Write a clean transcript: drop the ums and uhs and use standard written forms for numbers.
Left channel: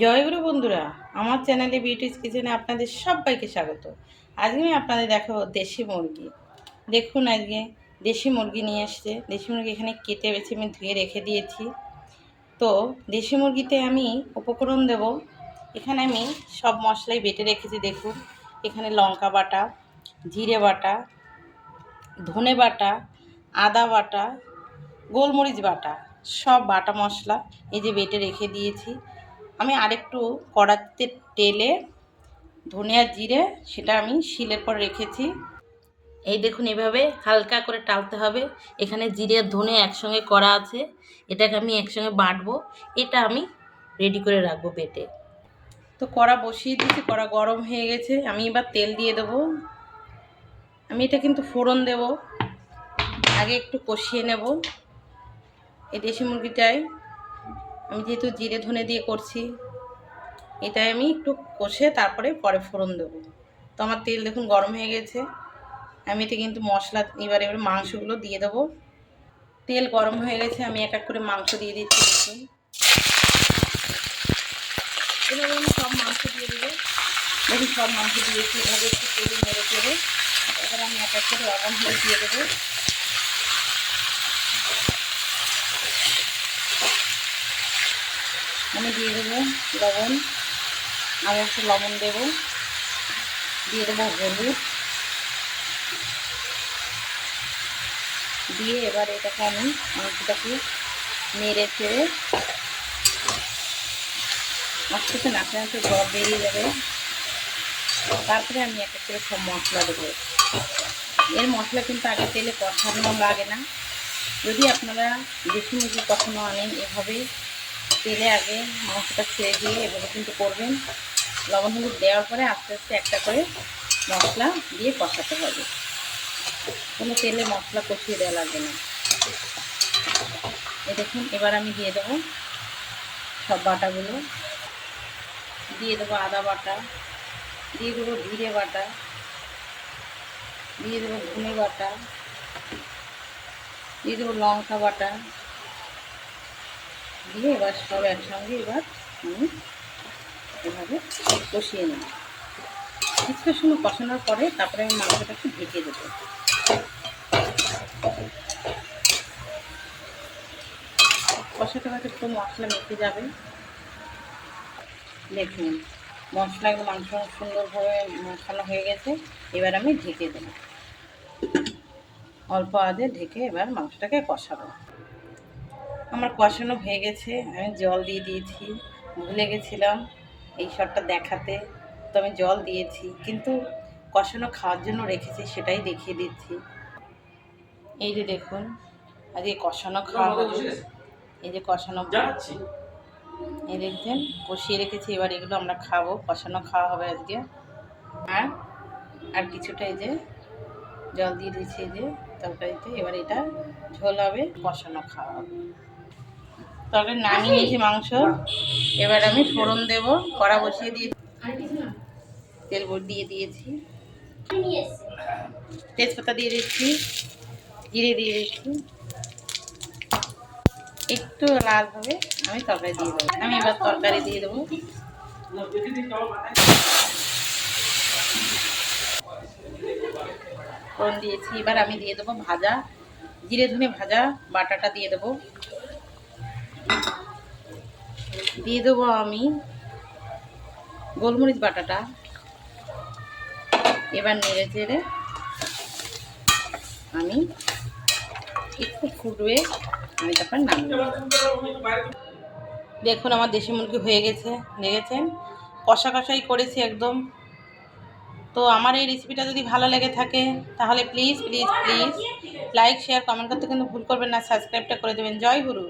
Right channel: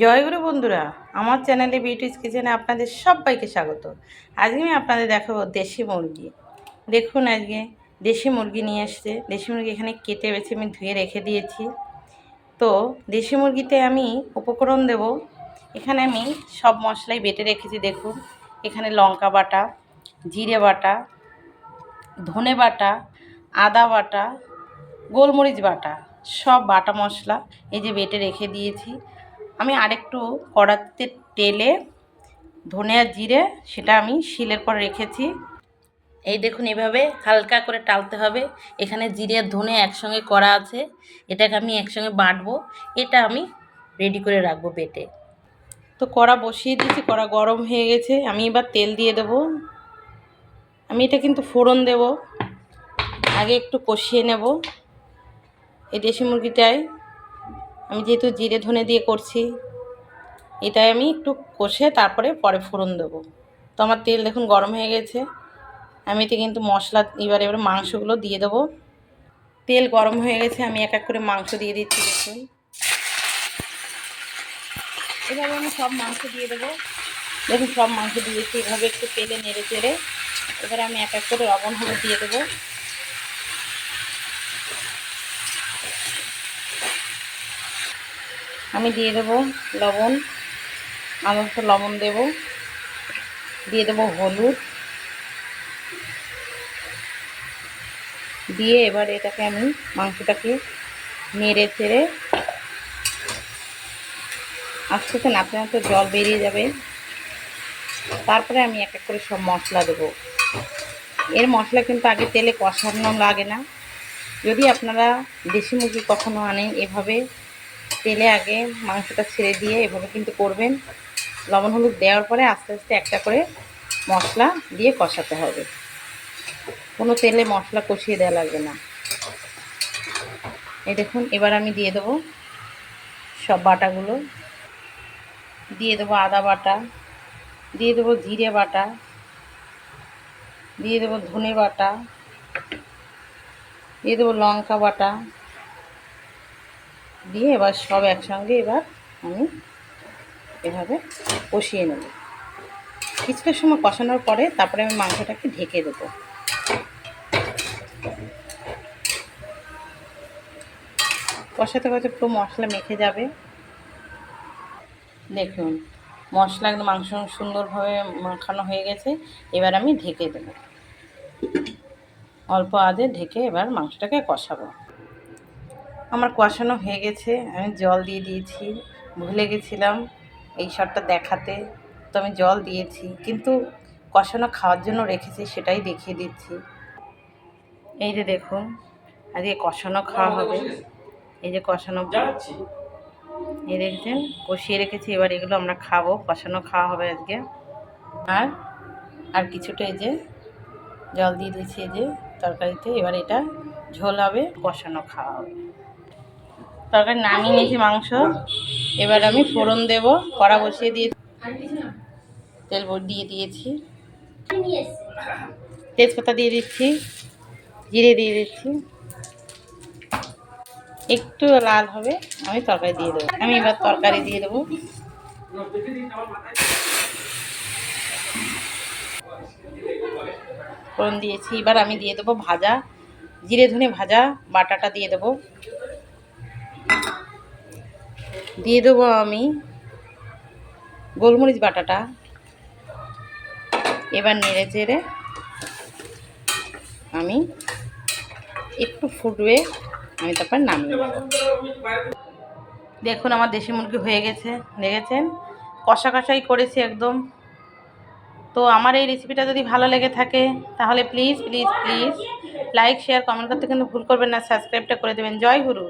জয়গুরু বন্ধুরা, আমার চ্যানেলে বিউটিস কিচেনে আপনাদের সবাইকে স্বাগত। আজকে আমি আপনাদের দেখাবো দেশি মুরগি। দেখুন, আজকে দেশি মুরগি নিয়ে আসছে। দেশি মুরগি এখানে কেটে বেছে আমি ধুয়ে রেখে দিয়েছি। তো দেশি মুরগিতে আমি উপকরণ দেব। এখানে আমি সব মশলাই বেটে রেখেছি। দেখুন, এখানে লঙ্কা বাটা, জিরে বাটা, ধনে বাটা, আদা বাটা, গোলমরিচ বাটা, সব বাটা মশলা এই যে বেটে রেখে দিয়েছি। আমি আরেকটু কড়াতে তেলে ধনে আর জিরে সেটা আমি শিলের পর রেখেছি। এই দেখুন, এভাবে হালকা করে টালতে হবে। এখানে জিরে আর ধনে একসঙ্গে করা আছে, এটাকে আমি একসঙ্গে বাটবো। এটা আমি রেডি করে রাখবো বেটে। তো কড়া বসিয়ে দিয়েছি, কড়া গরম হয়ে গেছে। আমি এবার তেল দিয়ে দেবো। আমি এটা কিন্তু ফোড়ন দেব, আগে একটু কষিয়ে নেব। এই দেশি মুরগিটাই আমি যেহেতু জিরে ধনে দিয়ে করছি, এটাই আমি একটু কষে তারপরে পরে ফোড়ন দেবো। তো আমার তেল দেখুন গরম হয়ে গেছে। আমি এতে কিন্তু মশলা এবারে মাংসগুলো দিয়ে দেবো। তেল গরম হয়ে গেছে, আমি এক এক করে মাংস দিয়ে দিচ্ছি। দেখুন, এভাবে আমি সব মাংস দিয়ে দেবো। দেখুন, সব মাংস দিয়েছি। এভাবে একটু তেলে নেড়ে চেড়ে এবারে আমি এক এক করে লবণ হলুদ দিয়ে দেবো। আমি দিয়ে দেবো লবণ, আলাদা লবণ দেবো, দিয়ে দেবো হলুদ, দিয়ে এবার এটাকে আমি মাংসটাকে নেড়ে চেড়ে আস্তে আস্তে নাড়তে নাড়তে জল বেরিয়ে যাবে। তারপরে আমি এক এক করে সব মশলা দেবো। এর মশলা কিন্তু আগে তেলে কষানো লাগে না। যদি আপনারা দেশি মুরগি কখনো আনেন, এভাবে তেলে আগে মাংসটা ছেড়ে দিয়ে এভাবে কিন্তু করবেন। লবণ হলুদ দেওয়ার পরে আস্তে আস্তে একটা করে মশলা দিয়ে কষাতে হবে। কোনো তেলে মশলা কষিয়ে দেওয়া লাগবে না। এই দেখুন, এবার আমি দিয়ে দেবো সব বাটাগুলো। দিয়ে দেবো আদা বাটা, দিয়ে দেবো জিরে বাটা, দিয়ে দেবো ধনে বাটা, দিয়ে দেবো লঙ্কা বাটা, দিয়ে এবার সব একসঙ্গে এবার আমি এভাবে কষিয়ে নেব। কিছুটা সময় কষানোর পরে তারপরে আমি মাংসটাকে ঢেকে দেবো। কষাতে কষাতে একটু মশলা মেখে যাবে। দেখুন, মশলা একদম মাংস সুন্দরভাবে মাখানো হয়ে গেছে। এবার আমি ঢেকে দেবো। অল্প আঁচে ঢেকে এবার মাংসটাকে কষাবো। আমার কষানো হয়ে গেছে। আমি জল দিয়ে দিয়েছি। ভুলে গেছিলাম এই শটটা দেখাতে, তো আমি জল দিয়েছি, কিন্তু কষানো খাওয়ার জন্য রেখেছি সেটাই দেখিয়ে দিচ্ছি। এই যে দেখুন, আজকে কষানো খাওয়া হবে। এই যে কষানো, এই দেখছেন কষিয়ে রেখেছি। এবার এগুলো আমরা খাবো, কষানো খাওয়া হবে আজকে। আর আর কিছুটা এই যে জল দিয়ে দিয়েছি এই যে তরকারিতে। এবার এটা ঝোল হবে, কষানো খাওয়া হবে। তরকারি নামিয়ে নিয়েছি মাংস। এবার আমি ফোড়ন দেব। কড়া বসিয়ে দিয়ে তেল দিয়ে দিয়েছি, তেজপাতা দিয়ে দিচ্ছি, জিরে দিয়ে দিচ্ছি। একটু লাল হবে, আমি তরকারি দিয়ে দেবো। আমি এবার তরকারি দিয়ে দেবো। ফোড়ন দিয়েছি, এবার আমি দিয়ে দেবো ভাজা জিরে ধনে ভাজা বাটাটা দিয়ে দেবো। দিয়ে দেবো আমি গোলমরিচ বাটাটা। এবার নেড়ে চেড়ে আমি একটু ফুটবে, আমি তারপর নামিয়ে দেবো। দেখুন, আমার দেশি মুরগি হয়ে গেছে। দেখেছেন, কষা কষাই করেছি একদম। তো আমার এই রেসিপিটা যদি ভালো লেগে থাকে তাহলে please please please like share comment করতে কিন্তু ভুল করবেন না। সাবস্ক্রাইবটা করে দেবেন। জয় গুরু।